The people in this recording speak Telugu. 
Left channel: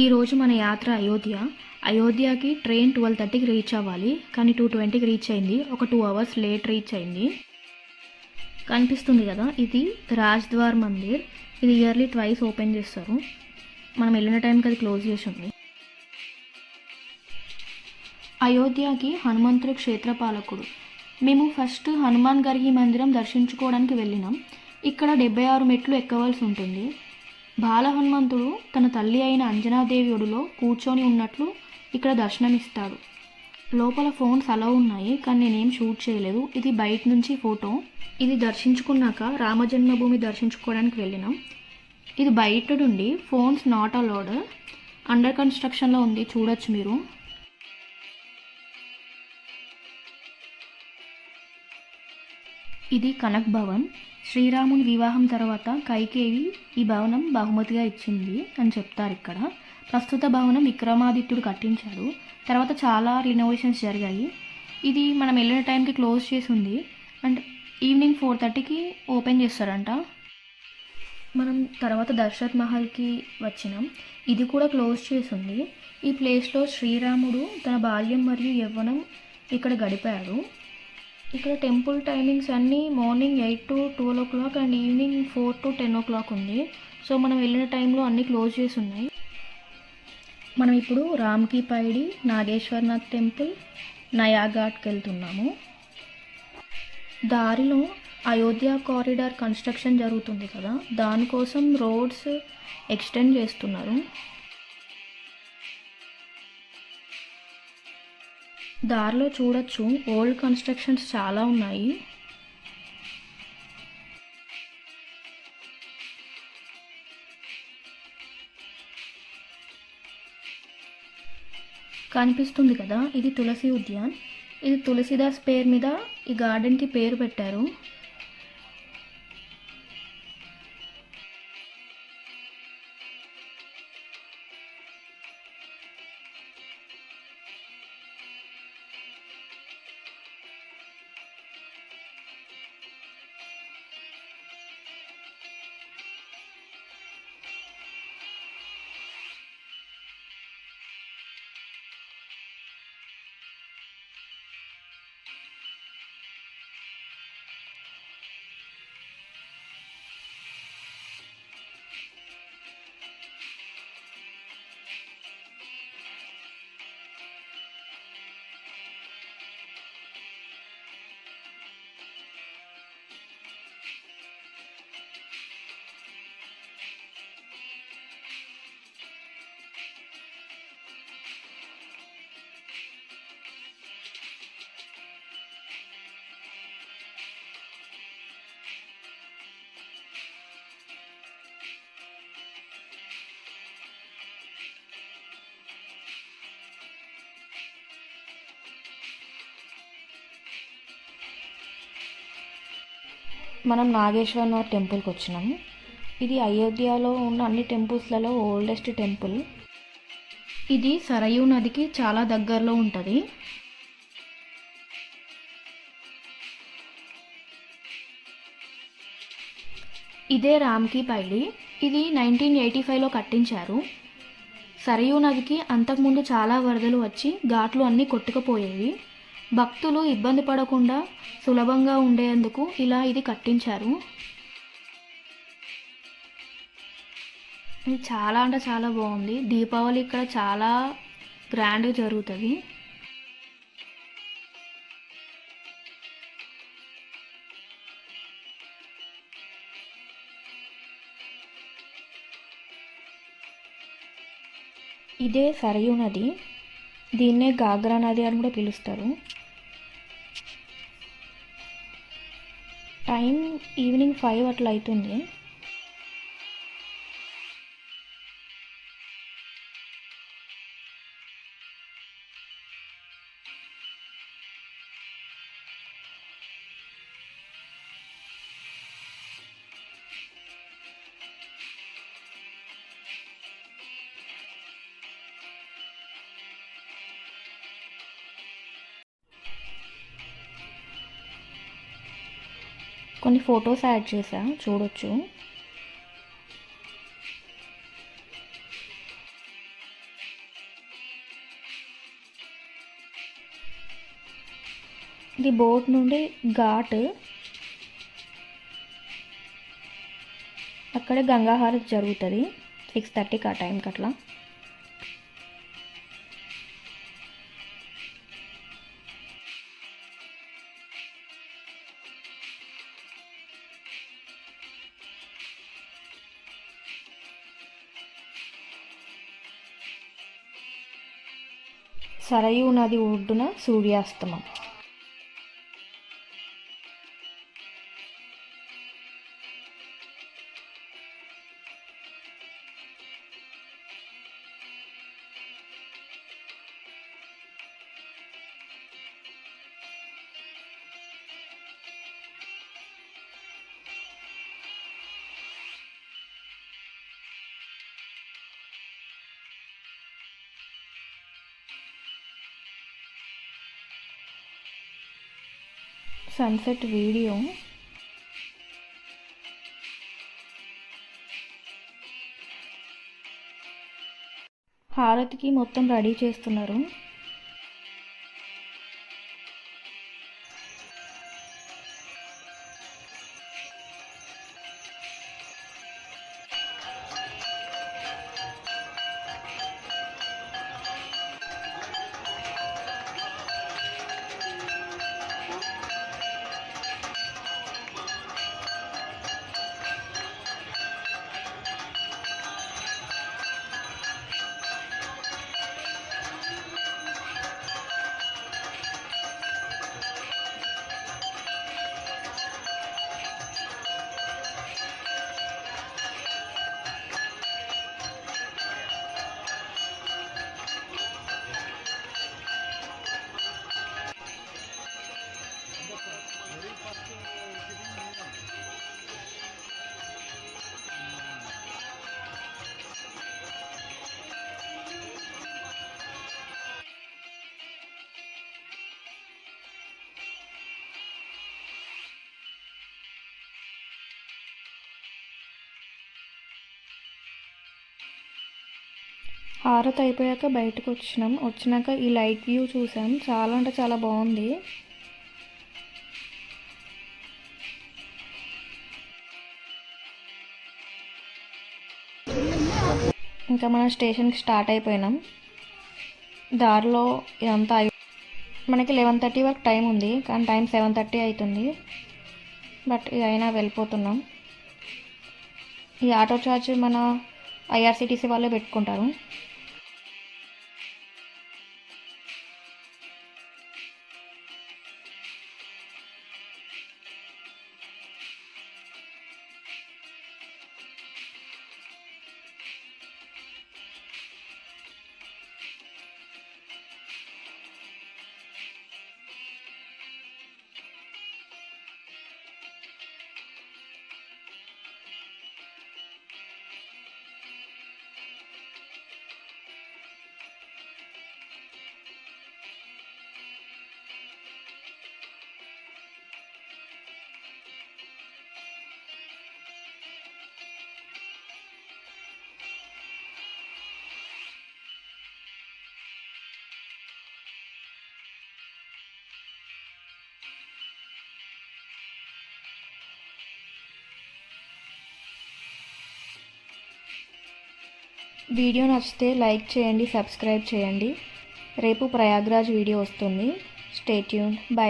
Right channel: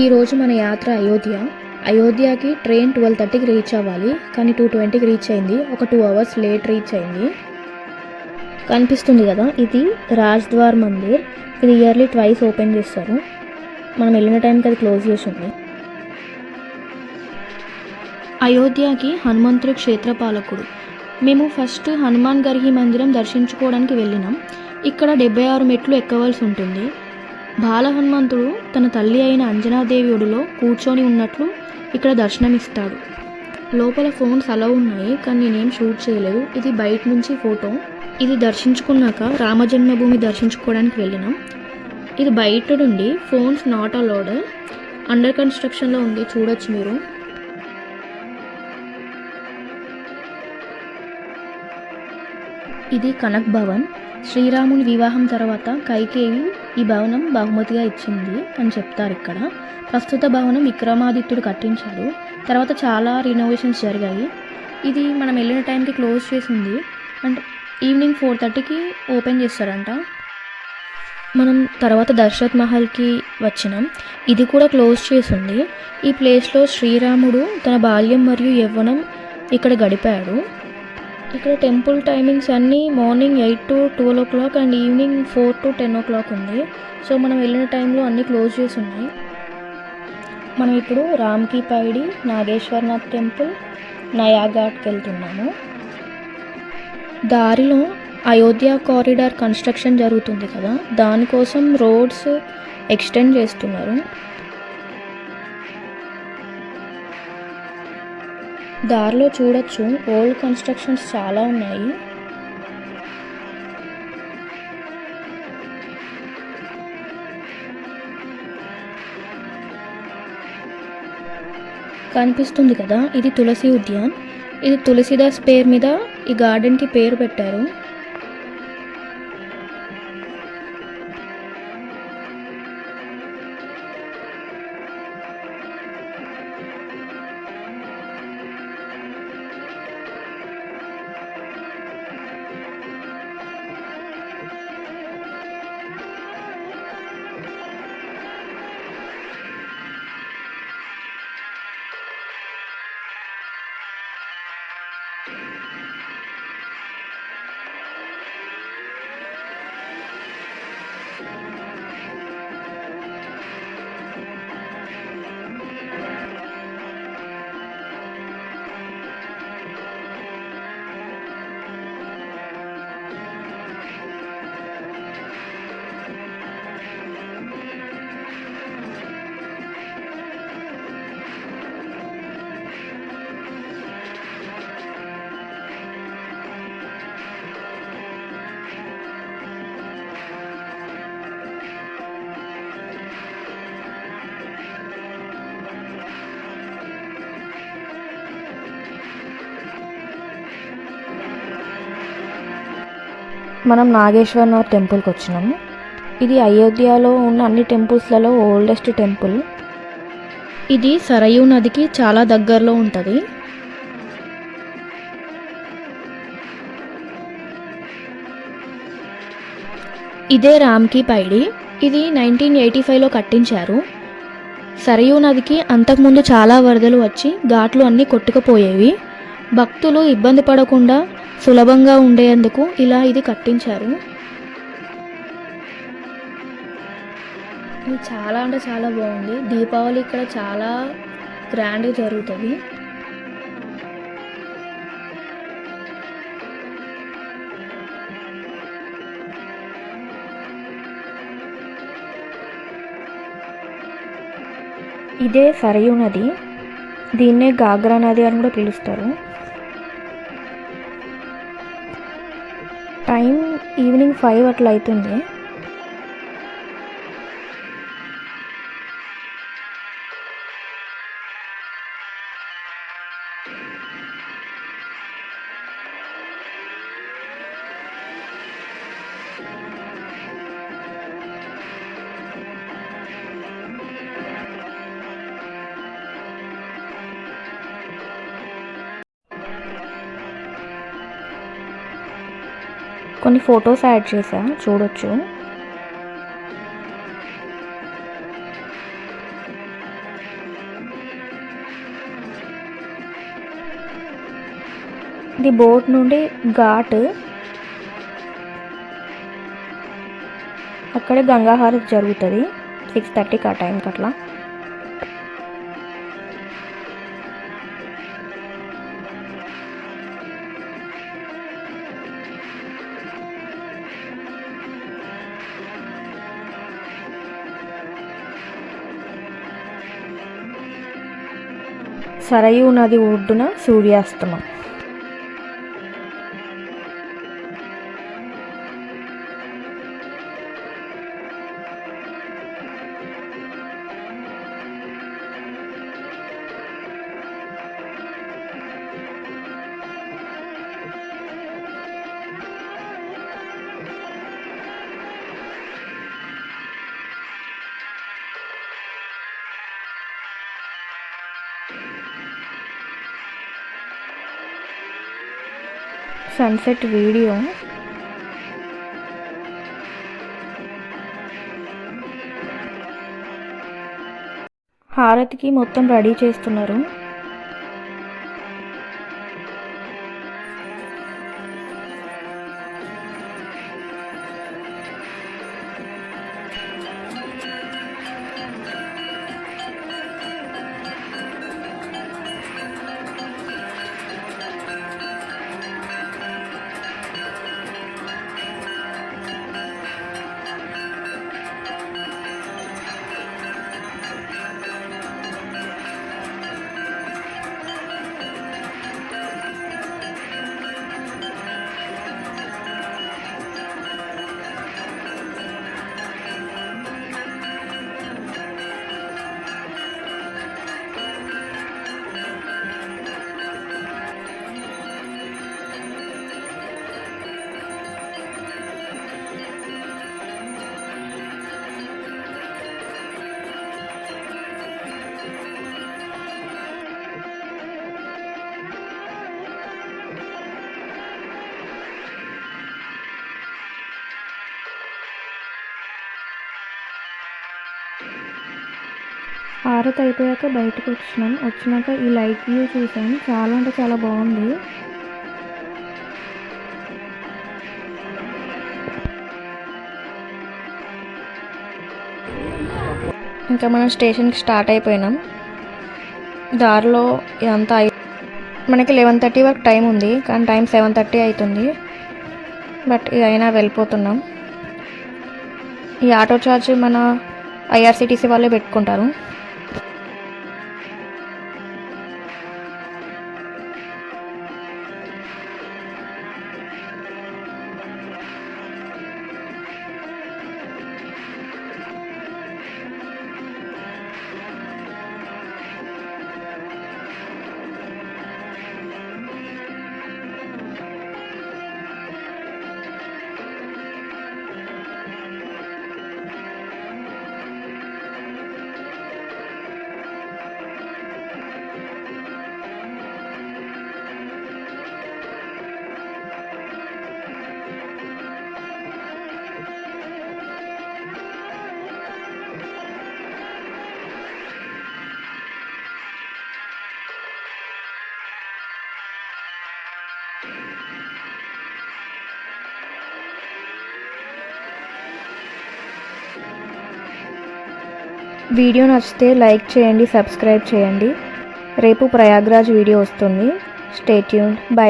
ఈరోజు మన యాత్ర అయోధ్యకి ట్రైన్ 12:30కి రీచ్ అవ్వాలి, కానీ 2:20కి రీచ్ అయింది. ఒక 2 అవర్స్ లేట్ రీచ్ అయింది. కనిపిస్తుంది కదా, ఇది రాజ్ద్వార్ మందిర్. ఇది ఇయర్లీ ట్వైస్ ఓపెన్ చేస్తారు. మనం వెళ్ళిన టైంకి అది క్లోజ్ చేసి ఉంది. అయోధ్యకి హనుమంతుడు క్షేత్రపాలకుడు. మేము ఫస్ట్ హనుమాన్ గర్హి మందిరం దర్శించుకోవడానికి వెళ్ళినాం. ఇక్కడ 76 మెట్లు ఎక్కవలసి ఉంటుంది. బాల హనుమంతుడు తన తల్లి అయిన అంజనాదేవి ఒడిలో కూర్చొని ఉన్నట్లు ఇక్కడ దర్శనమిస్తాడు. లోపల ఫోన్స్ అలౌ ఉన్నాయి, కానీ నేనేం షూట్ చేయలేదు. ఇది బయట నుంచి ఫోటో. ఇది దర్శించుకున్నాక రామజన్మభూమి దర్శించుకోవడానికి వెళ్ళినాం. ఇది బయట నుండి ఫోన్స్ నాట్ అలౌడ్, అండర్ కన్స్ట్రక్షన్లో ఉంది, చూడొచ్చు మీరు. ఇది కనక్ భవన్. శ్రీరాముని వివాహం తర్వాత కైకేయి ఈ భవనం బహుమతిగా ఇచ్చింది అని చెప్తారు ఇక్కడ. ప్రస్తుత భవనం విక్రమాదిత్యుడు కట్టించాడు. తర్వాత చాలా రినోవేషన్స్ జరిగాయి. ఇది మనం వెళ్ళిన టైంకి క్లోజ్ చేసి ఉంది, అండ్ ఈవినింగ్ 4:30కి ఓపెన్ చేస్తారంట. మనం తర్వాత దశరథ్ మహల్కి వచ్చినాం. ఇది కూడా క్లోజ్ చేసి ఉంది. ఈ ప్లేస్లో శ్రీరాముడు తన బాల్యం మరియు యవ్వనం ఇక్కడ గడిపాడు. ఇక్కడ టెంపుల్ టైమింగ్స్ అన్నీ morning 8 to 12 o'clock and evening 4 to 10 o'clock ఉంది. సో మనం వెళ్ళిన టైంలో అన్నీ క్లోజ్ చేసి ఉన్నాయి. మనం ఇప్పుడు రామ్కి పైడి, నాగేశ్వరనాథ్ టెంపుల్, నయాఘాట్కి వెళ్తున్నాము. దారిలో అయోధ్య కారిడార్ కన్స్ట్రక్షన్ జరుగుతుంది కదా, దానికోసం రోడ్స్ ఎక్స్టెండ్ చేస్తున్నారు. దారిలో చూడొచ్చు ఓల్డ్ కన్స్ట్రక్షన్స్ చాలా ఉన్నాయి. కనిపిస్తుంది కదా, ఇది తులసి ఉద్యాన్. ఇది తులసిదాస్ పేరు మీద ఈ గార్డెన్కి పేరు పెట్టారు. మనం నాగేశ్వరనాథ్ టెంపుల్కి వచ్చినాము. ఇది అయోధ్యలో ఉన్న అన్ని టెంపుల్స్లలో ఓల్డెస్ట్ టెంపుల్. ఇది సరయూ నదికి చాలా దగ్గరలో ఉంటుంది. ఇదే రామ్కి పైడి. ఇది 1985లో కట్టించారు. సరయూ నదికి అంతకుముందు చాలా వరదలు వచ్చి ఘాట్లు అన్నీ కొట్టుకుపోయేవి. భక్తులు ఇబ్బంది పడకుండా సులభంగా ఉండేందుకు ఇలా ఇది కట్టించారు. ఇది చాలా అంటే చాలా బాగుంది. దీపావళి ఇక్కడ చాలా గ్రాండ్గా జరుగుతుంది. ఇదే సరయూ నది. దీన్నే గాగ్రా నది అని కూడా పిలుస్తారు. టైం ఈవినింగ్ 5 అట్లా అవుతుంది. కొన్ని ఫొటోస్ యాడ్ చేసా, చూడొచ్చు. ఇది బోట్ నుండి ఘాట్, అక్కడే గంగాహారతి జరుగుతుంది 6:30కి ఆ టైంకి అట్లా. సరయూ నది ఒడ్డున సూర్యాస్తమం. Sunset video. హారతికి మొత్తం రెడీ చేస్తున్నారు. హారతి అయిపోయాక బయటకు వచ్చినాక ఈ లైట్ వ్యూ చూసాం. చాలా అంటే చాలా బాగుంది. ఇంకా మనం స్టేషన్కి స్టార్ట్ అయిపోయినాం. దారిలో ఇదంతా మనకి 11:30 వరకు టైం ఉంది, కానీ టైం 7:30 అవుతుంది. బట్ ఇక అయినా వెళ్ళిపోతున్నాం. ఈ ఆటో ఛార్జ్ మన IRCTC వాళ్ళే పెట్టుకుంటారు. వీడియో నచ్చితే లైక్ చేయండి, సబ్స్క్రైబ్ చేయండి. రేపు ప్రయాగ్రాజ్ వీడియో వస్తుంది. Stay tuned. బై.